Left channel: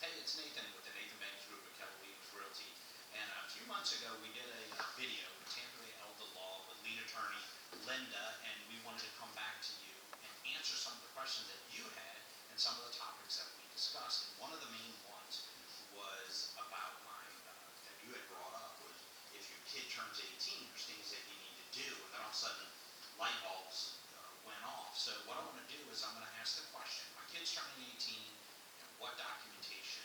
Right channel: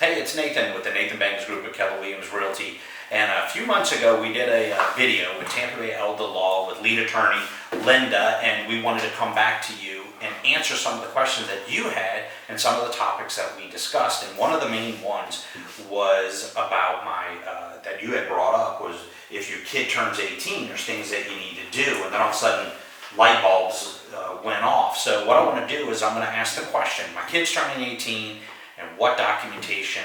Hey, it's Nathan with the Nathan Banks Group at Keller Realty. And a few months ago, we did a video with Tampa Bay Elder Law with lead attorney Linda, and we wanted to come back to you and answer some of the questions that you had and some of the topics that we discussed. And one of the main ones was about that you had brought up was if your kid turns 18, there's things that you need to do, and then all of a sudden light bulbs went off. So what I want to do is I'm going to ask the question: my kid's turning 18, and what documentation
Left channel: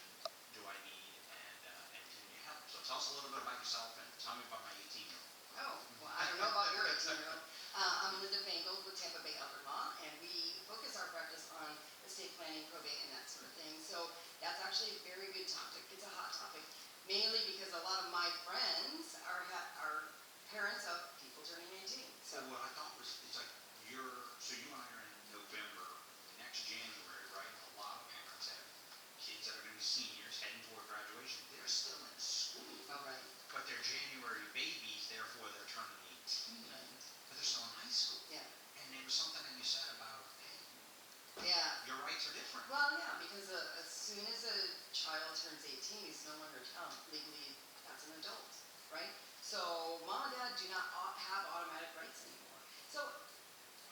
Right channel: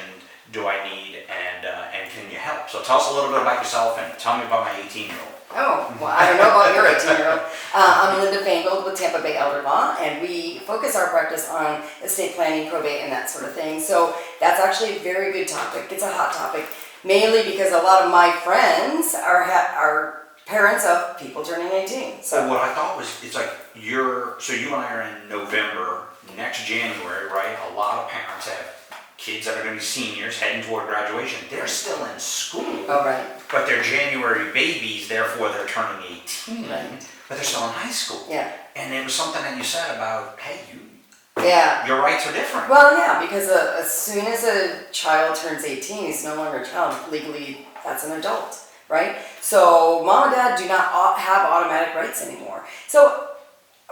do I need, and can you help? So tell us a little bit about yourself and tell me about my 18-year-old. Oh, well, I don't know about your 18-year-old. I'm Linda Fangold with Tampa Bay Elder Law, and we focus our practice on estate planning, probate, and that sort of thing. So that's actually a very good topic. It's a hot topic, mainly because a lot of my friends are parents of people turning 18. So what I thought was, it's like you and I are in November, next January, right? A lot of parents have kids that are going to be seniors heading toward graduation. They're still in school. Oh, right. But they're January babies, therefore they're turning 18. Right. But they're still in high school. Yeah. And it was something that you said about, hey, yeah. Your rights are different. Well, yeah, because as soon as a child turns 18, he's no longer a child. Legally, that's an adult, right? So mom and dad do not have automatic rights anymore. So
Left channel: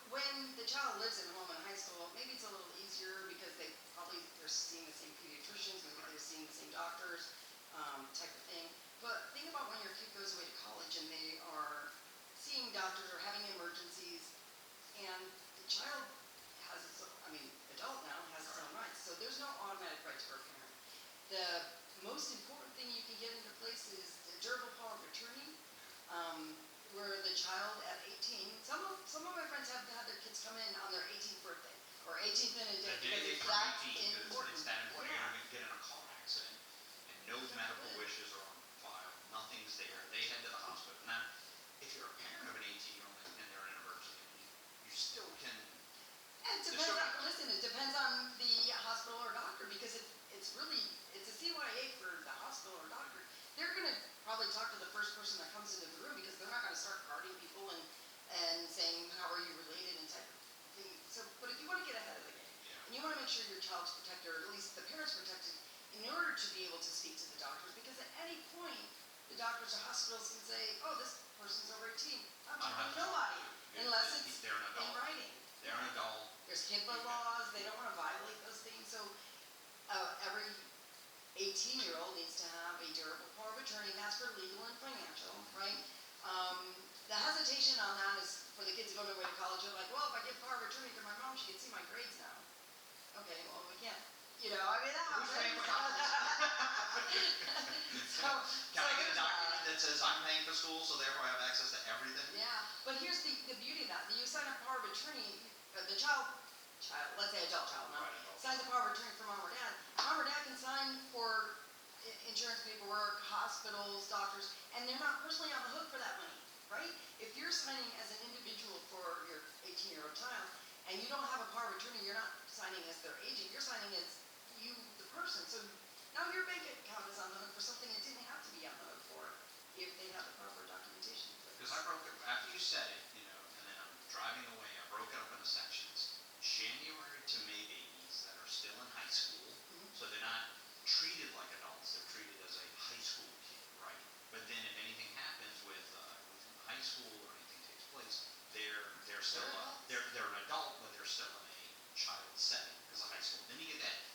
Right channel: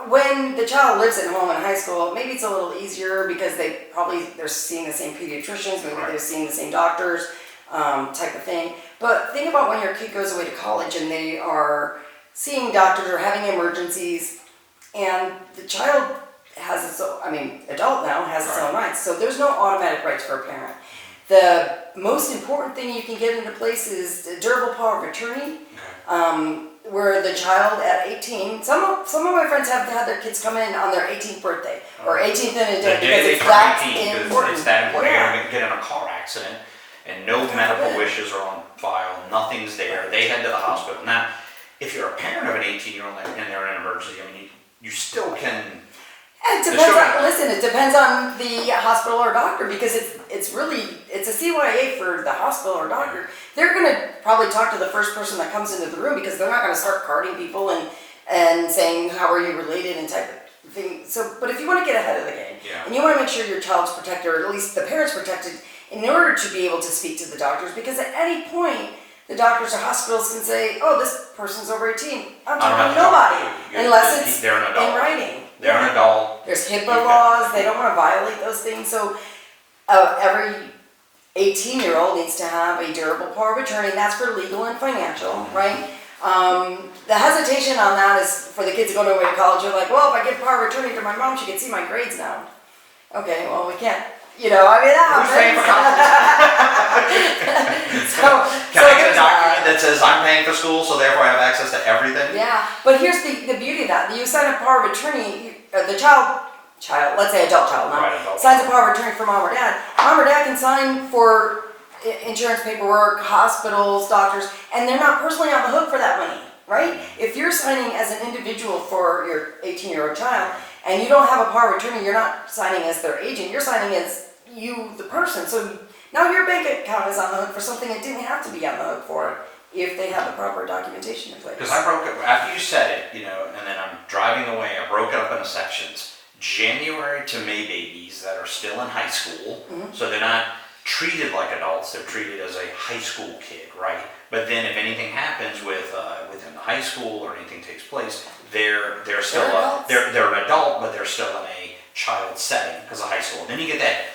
when the child lives at home in high school, maybe it's a little easier because they're seeing the same pediatricians, maybe they're seeing the same doctors, type of thing. But think about when your kid goes away to college and they are seeing doctors or having emergencies, and the child has its own, adult now has its own rights. So there's no automatic rights for a parent. The most important thing you can get into place is the durable power of attorney. Where the child at 18, some of my friends have had their kids come in on their 18th birthday or 18th in a day because it's that important. It's that important. Yeah. You're going to get in a car accident and no medical wishes are on file, nothing's there. They head to the hospital. Now, if you're a parent of an 18-year-old and they're in an emergency, you still can. It depends on the hospital or doctor, because it's a CYA for the hospital or doctor. They're going to probably talk to the first person that comes into the room, because they're not going to start carding people and saying, how are you related and type of thing. So, but if you want to get ahead of the game, and you want to make sure your child's protected, or at least the parent's protected, in order to be able to speak to the doctors, because at any point, the doctors or hospitals can say, oh, this person's over 18. I'm talking to nobody, unless it's they're an adult. in writing. They're an adult. There's HIPAA laws. They don't want to violate those things. So every 18-year-old needs to have a durable power of attorney. That's for legal and financial, right? The hesitation on that is for the kids going away to college. You're like, well, if I give power of attorney to my mom, she can see my grades now. Okay, well, we can't. That Who's paying for college? Can I get a document that says I'm paying for school, so therefore I have access to everything? Yeah, but here's the beauty of that. You sign a power of attorney, the child, let's say adult child now, signs a power of attorney for mom or dad. Mom or dad can sign for insurance paperwork, hospitals, doctors, and they're not personally on the hook for that money, right? If you're signing as an individual for your 18-year-old child, and you don't have a power of attorney, you're not signing as their agent, you're signing as you, the person. So now your bank account is on the hook for something it didn't have to be on the hook for if they have the proper documentation in place. Because I broke it, after you said it, and then I'm driving away, I broke it up into sections. January to May babies that are still in high school, so they're not treated like adults, they're treated as a high school kid, right? But then if anything happens within the high school or anything takes place, they're still they're an adult, but they're still in a child setting because of high school. Then you get that,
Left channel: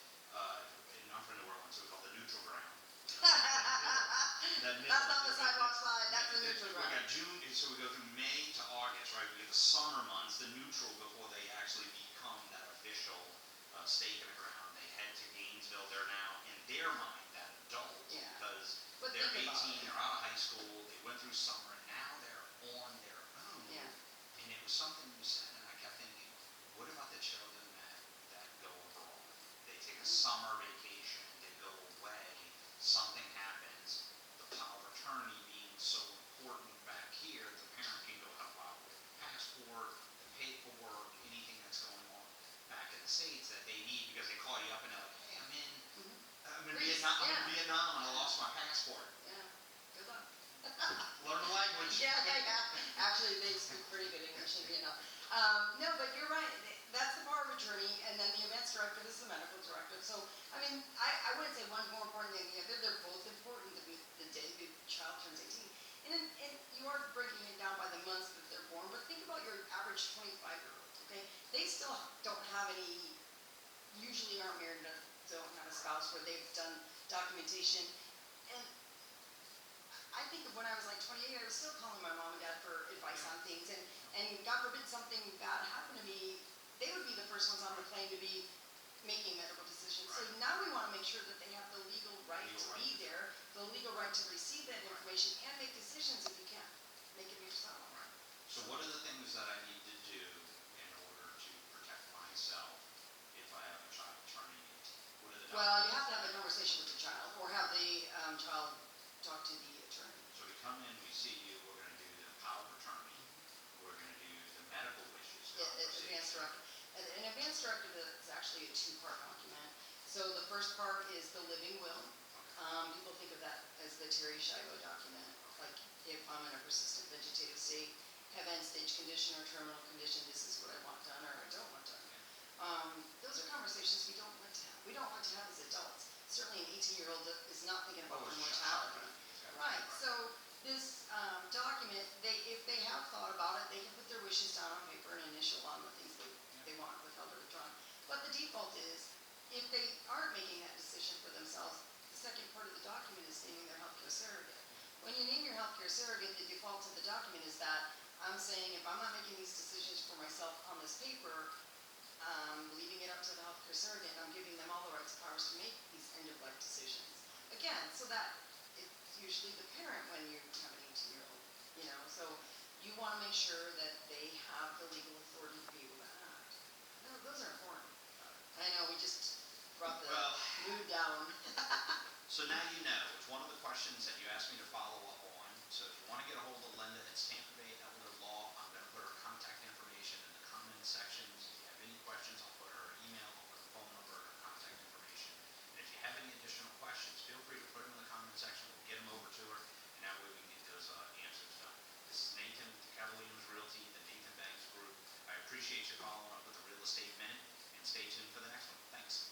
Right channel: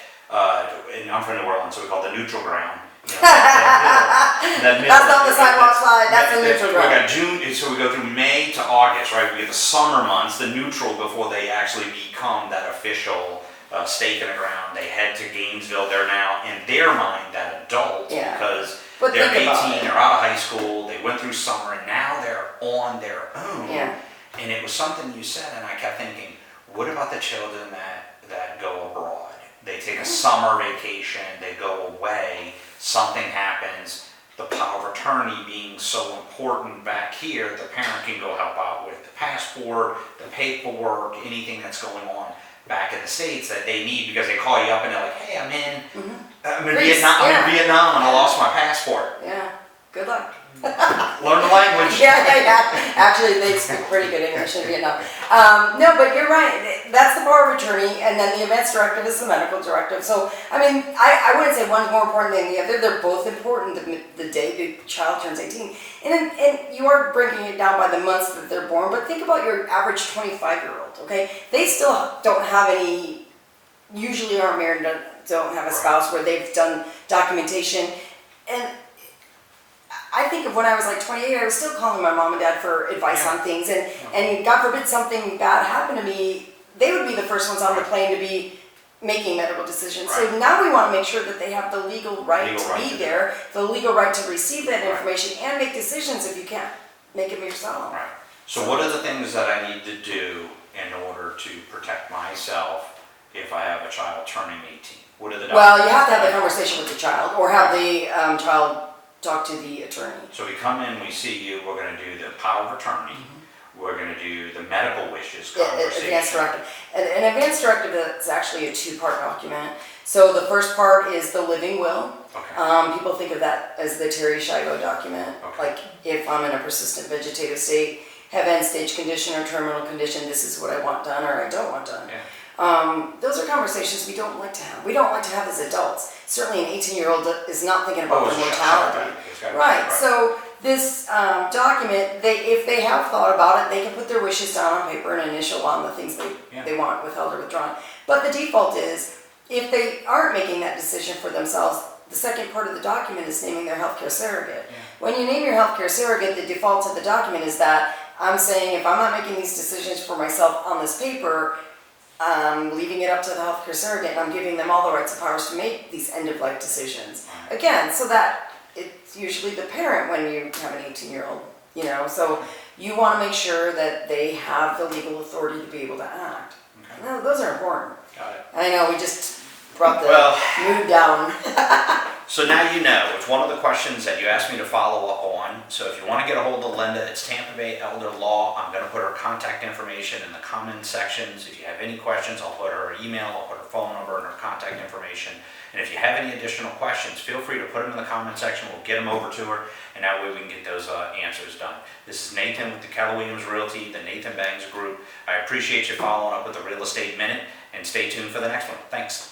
and I'm from New Orleans, so we call it the neutral ground. That's not the sidewalk slide, that's the neutral ground. We got June, so we go through May to August, right? We get the summer months, the neutral, before they actually become that official stake in the ground. They head to Gainesville. They're now, in their mind, that adult, because they're 18, they're out of high school, they went through summer, and now they're on their own. Yeah. And it was something you said, and I kept thinking, what about the children that go abroad? They take a summer vacation, they go away, something happens, the power of attorney being so important back here, the parent can go help out with the passport, the paperwork, anything that's going on back in the States that they need, because they call you up and they're like, hey, I'm in Vietnam and I lost my passport. Yeah, good luck. Learn the language. Yeah. Actually, they speak pretty good English in Vietnam. No, but you're right. That's the power of attorney, and then the events directive is the medical directive. So, I mean, I wouldn't say one's more important than the other. They're both important the day the child turns 18. And you are breaking it down by the months that they're born, but think about your average 25-year-old, okay? They still don't have any, usually aren't married, don't have a spouse where they've done documentation. And I think of when I was like 28, I was still calling my mom and dad for advice on things, and God forbid something bad happened to me, they would be the first ones on the plane to be making medical decisions. Right. So now we want to make sure that they have the legal right Legal to right be to there, the legal right to receive that Right. information and make decisions if you can't make them yourself. Right. So what are the things that I need to do in order to protect myself if I have a child turning 18? What are the Well, you have to documents have the that I- conversation with the child, or have the child talk to the attorney. So we come in, we see you, we're gonna do the power of attorney, we're gonna do the medical wishes Advance conversation. directive. An advance directive is actually a two-part document. So the first part is the living will. Okay, People think of that as the Terry Shigo document. Okay. Like, if I'm in a persistent vegetative state, have end-stage condition or terminal condition, this is what I want done or I don't want done. yeah, Those are conversations we don't like to have. We don't like to have as adults. Certainly an 18-year-old is not thinking about Oh, their it's a mortality. shotgun. It's gotta be- Right, so this document, if they have thought about it, they can put their wishes down on paper and initial on the things Yeah. they want withheld or withdrawn. But the default is, if they aren't making that decision for themselves, the second part of the document is naming their healthcare surrogate. Yeah. When you name your healthcare surrogate, the default to the document is that I'm saying if I'm not making these decisions for myself on this paper, I'm leaving it up to the healthcare surrogate, and I'm giving them all the rights and powers to make these end-of-life decisions. Right. Again, so that it's usually the parent when you have an 18-year-old, you know, so you want to make sure that they have the legal authority to be able to act. Okay. No, those are important. Got it. I know, we just brought the Well- mood down. So now you know, it's one of the questions that you asked me to follow up on. So if you want to get a hold of Linda, it's Tampa Bay Elder Law. I'm going to put her contact information in the comment sections. If you have any questions, I'll put her email, I'll put her phone number and her contact information. And if you have any additional questions, feel free to put them in the comment section. We'll get them over to her, and that way we can get those answers done. This is Nathan with the Keller Realty, the Nathan Bangs Group. I appreciate you following up with the Real Estate Minute, and stay tuned for the next one. Thanks.